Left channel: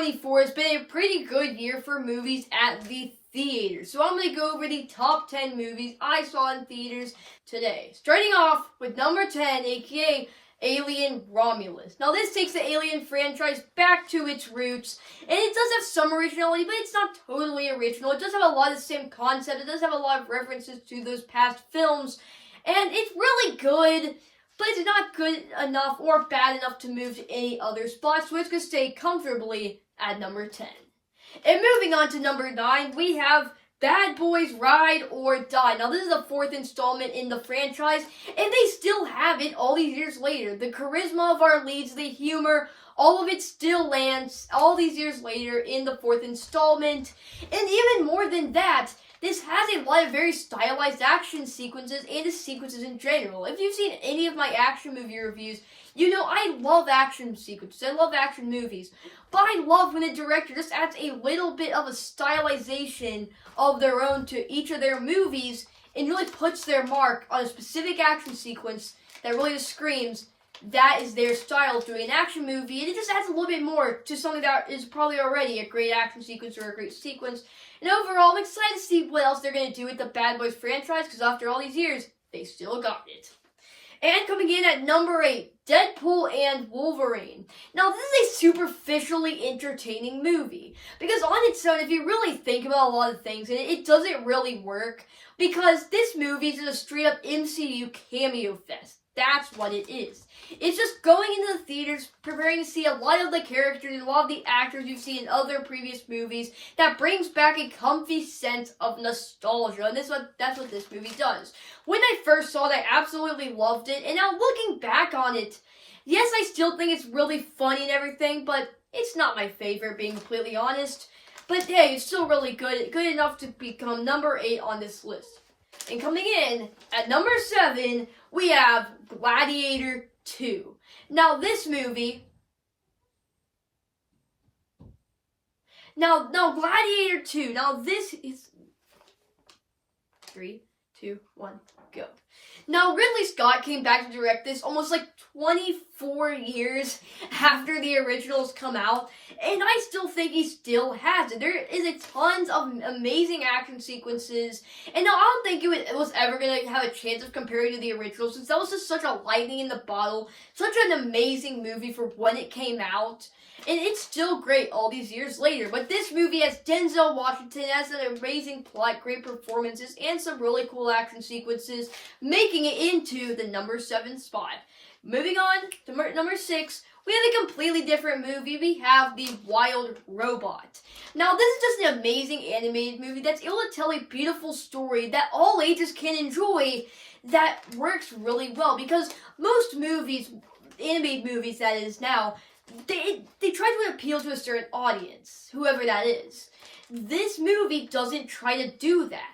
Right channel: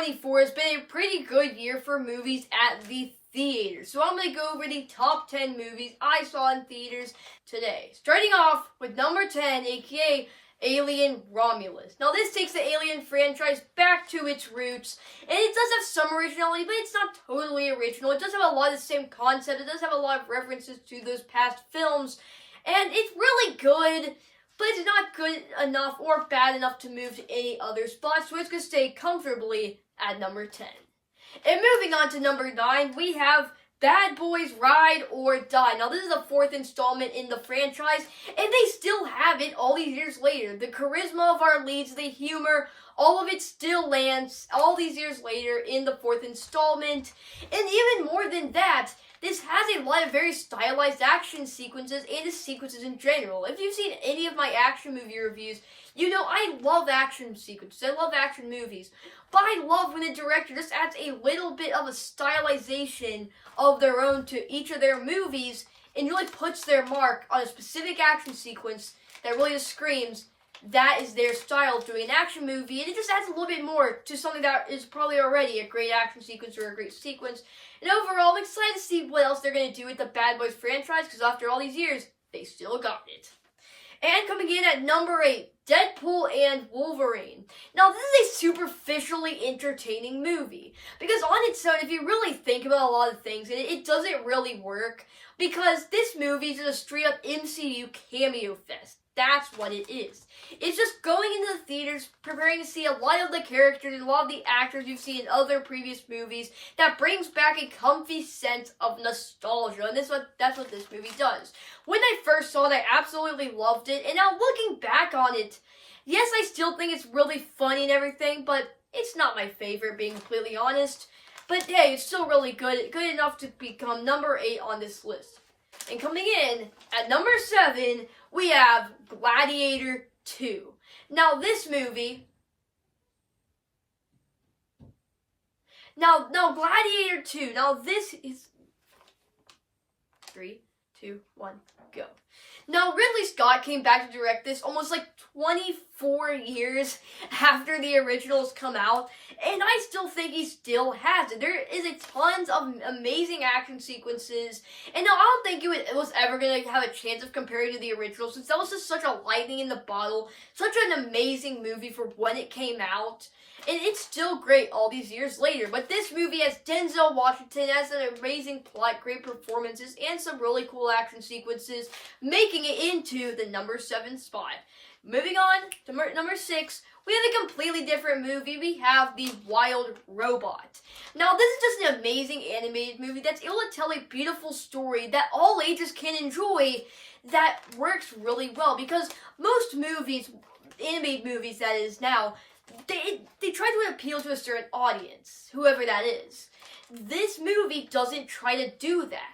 2024 has been a pretty good year for movies at the theater. So I'm going to go over the top 10 movies I saw in theaters today. Starting off with number 10, aka Alien Romulus. Now this takes the Alien franchise back to its roots, and it does have some originality, but it's not totally original. It does have a lot of the same concept. It does have a lot of references to those past films, and it's really good. But it's not good enough or bad enough to move to any other spot, so it's going to stay comfortably at number 10. And moving on to number 9, we have Bad Boys Ride or Die. Now, this is the 4th installment in the franchise, and they still have it all these years later. The charisma of our leads, the humor, all of it still lands all these years later in the 4th installment. And even more than that, this has a lot of very stylized action sequences and the sequences in general. If you've seen any of my action movie reviews, you know I love action sequences. I love action movies. But I love when the director just adds a little bit of a stylization of their own to each of their movies and really puts their mark on a specific action sequence that really just screams that is their style of doing an action movie, and it just adds a little bit more to something that is probably already a great action sequence or a great sequence. And overall, I'm excited to see what else they're going to do with the Bad Boys franchise, because after all these years, they still got it. And coming in at number 8, Deadpool and Wolverine. Now, this is a superficially entertaining movie, because on its own, if you really think about a lot of things, it doesn't really work, because this movie is just a straight-up MCU cameo fest. That's what it is. It's just going into the theaters, preparing to see a lot of the characters and a lot of the actors you've seen in other previous movies that brings back a comfy sense of nostalgia. And that's what this movie does. When I first saw it, I absolutely loved it. And now looking back on it, yes, I still think it's really funny and everything, but it's not my favorite, being completely honest. But hey, it's still really good. Good enough to become number 8 on this list. And coming in at number 7, we have Gladiator 2. Now, this movie... Now, Gladiator 2. Now, this is... 3, 2, 1, go. Now, Ridley Scott came back to direct this almost like 24 years after the originals come out, and I still think he still has it. There is a tons of amazing action sequences, and now I don't think it was ever going to have a chance of comparing to the original, since that was just such a lightning in the bottle, such an amazing movie for when it came out. And it's still great all these years later. But this movie has Denzel Washington, has an amazing plot, great performances, and some really cool action sequences, making it into the number 7 spot. Moving on to number 6, we have a completely different movie. We have The Wild Robot. Now, this is just an amazing animated movie that's able to tell a beautiful story that all ages can enjoy, that works really well. Because most movies, animated movies that is now, they try to appeal to a certain audience, whoever that is. This movie doesn't try to do that.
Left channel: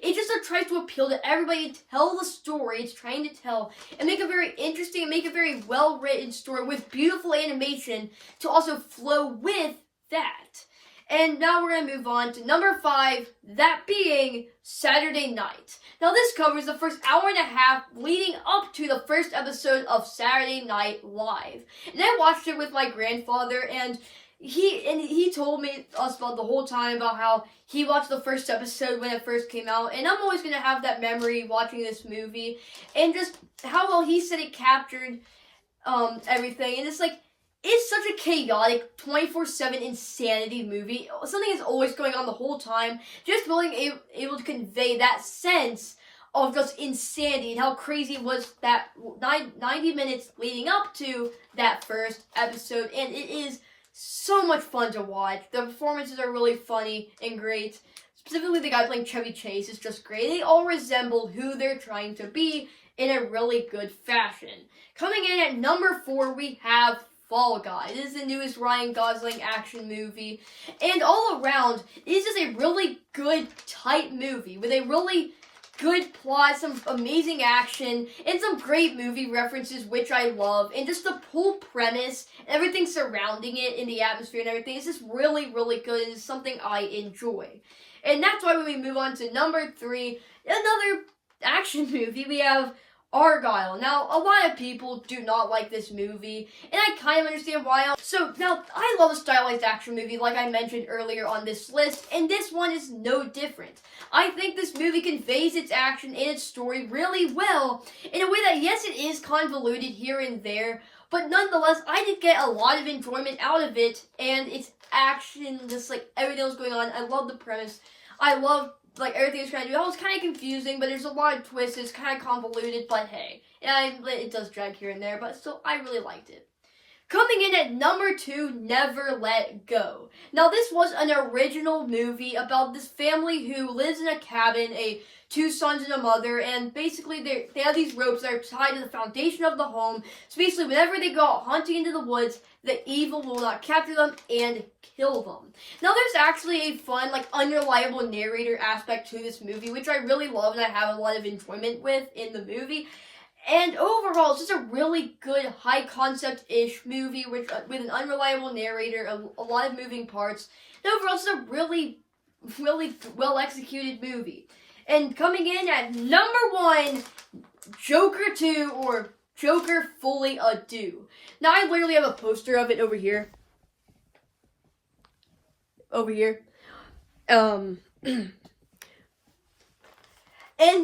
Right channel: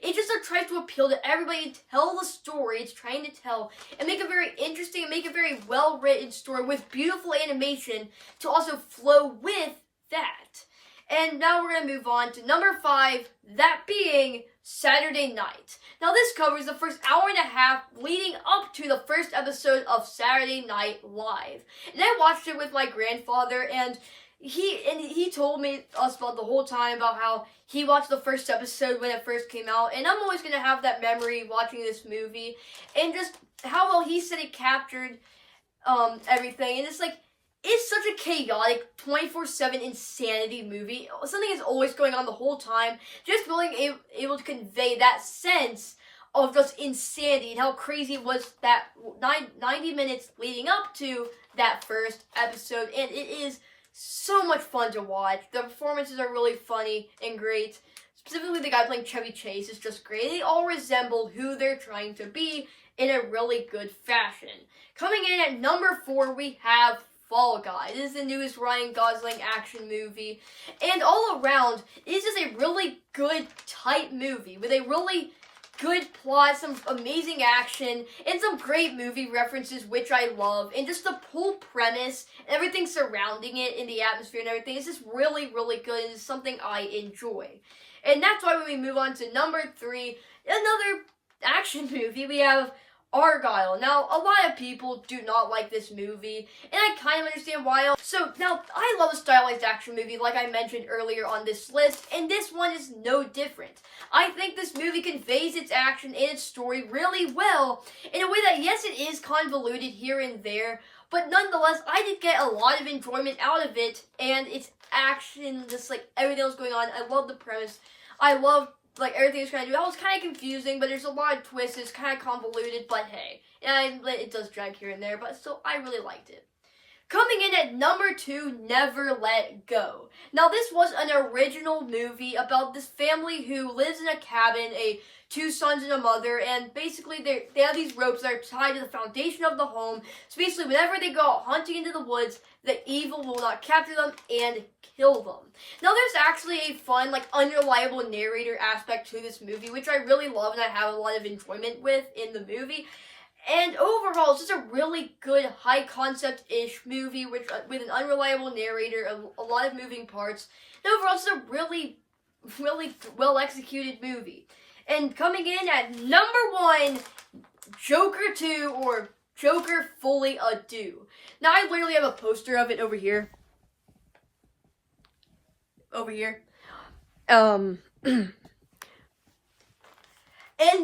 It just tries to appeal to everybody, to tell the story it's trying to tell, and make a very interesting and make a very well-written story with beautiful animation to also flow with that. And now we're going to move on to number 5, that being Saturday Night. Now this covers the first hour and a half leading up to the first episode of Saturday Night Live. And I watched it with my grandfather, and he told us about the whole time about how he watched the first episode when it first came out, and I'm always going to have that memory watching this movie, and just how well he said it captured everything. And it's like, it's such a chaotic 24/7 insanity movie. Something is always going on the whole time, just being able to convey that sense of just insanity and how crazy it was that 90 minutes leading up to that first episode. And it is so much fun to watch. The performances are really funny and great. Specifically, the guy playing Chevy Chase is just great. They all resemble who they're trying to be in a really good fashion. Coming in at number 4, we have Fall Guy. This is the newest Ryan Gosling action movie. And all around, it is just a really good, tight movie with a really good plot, some amazing action, and some great movie references, which I love. And just the whole premise, everything surrounding it, in the atmosphere and everything, is just really, really good. And it's something I enjoy. And that's why when we move on to number 3, another action movie, we have Argyle. Now, a lot of people do not like this movie, and I kind of understand why. So, now, I love a stylized action movie, like I mentioned earlier on this list, and this one is no different. I think this movie conveys its action and its story really well, in a way that, yes, it is convoluted here and there, but nonetheless, I did get a lot of enjoyment out of it, and its action, just like everything that was going on. I love the premise. I love like everything it's trying to do. That was kind of confusing, but there's a lot of twists. It's kind of convoluted, but hey, it does drag here and there, but still, I really liked it. Coming in at number 2, Never Let Go. Now, this was an original movie about this family who lives in a cabin, 2 sons and a mother, and basically they have these ropes that are tied to the foundation of the home. So basically, whenever they go out hunting into the woods, the evil will not capture them and kill them. Now, there's actually a fun, like, unreliable narrator aspect to this movie, which I really love and I have a lot of enjoyment with in the movie. And overall, it's just a really good, high-concept-ish movie with an unreliable narrator, a lot of moving parts. And overall, it's a really, really well-executed movie. And coming in at number 1, Joker 2, or Joker Fully Ado. Now, I literally have a poster of it over here. And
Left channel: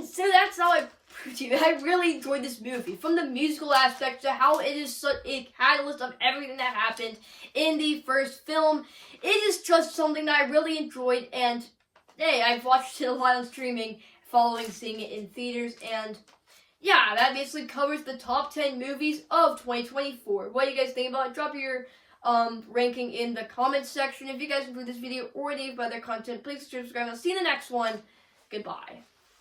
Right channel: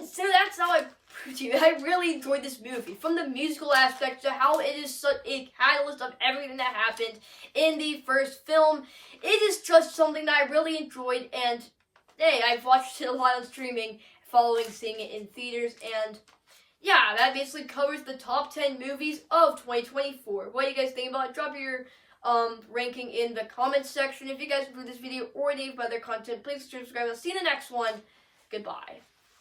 so that's how I really enjoyed this movie. From the musical aspect to how it is such a catalyst of everything that happened in the first film. It is just something that I really enjoyed, and hey, I've watched it a lot on streaming following seeing it in theaters, and yeah, that basically covers the top 10 movies of 2024. What do you guys think about it? Drop your ranking in the comments section. If you guys enjoyed this video or any of my other content, please subscribe. I'll see you in the next one. Goodbye.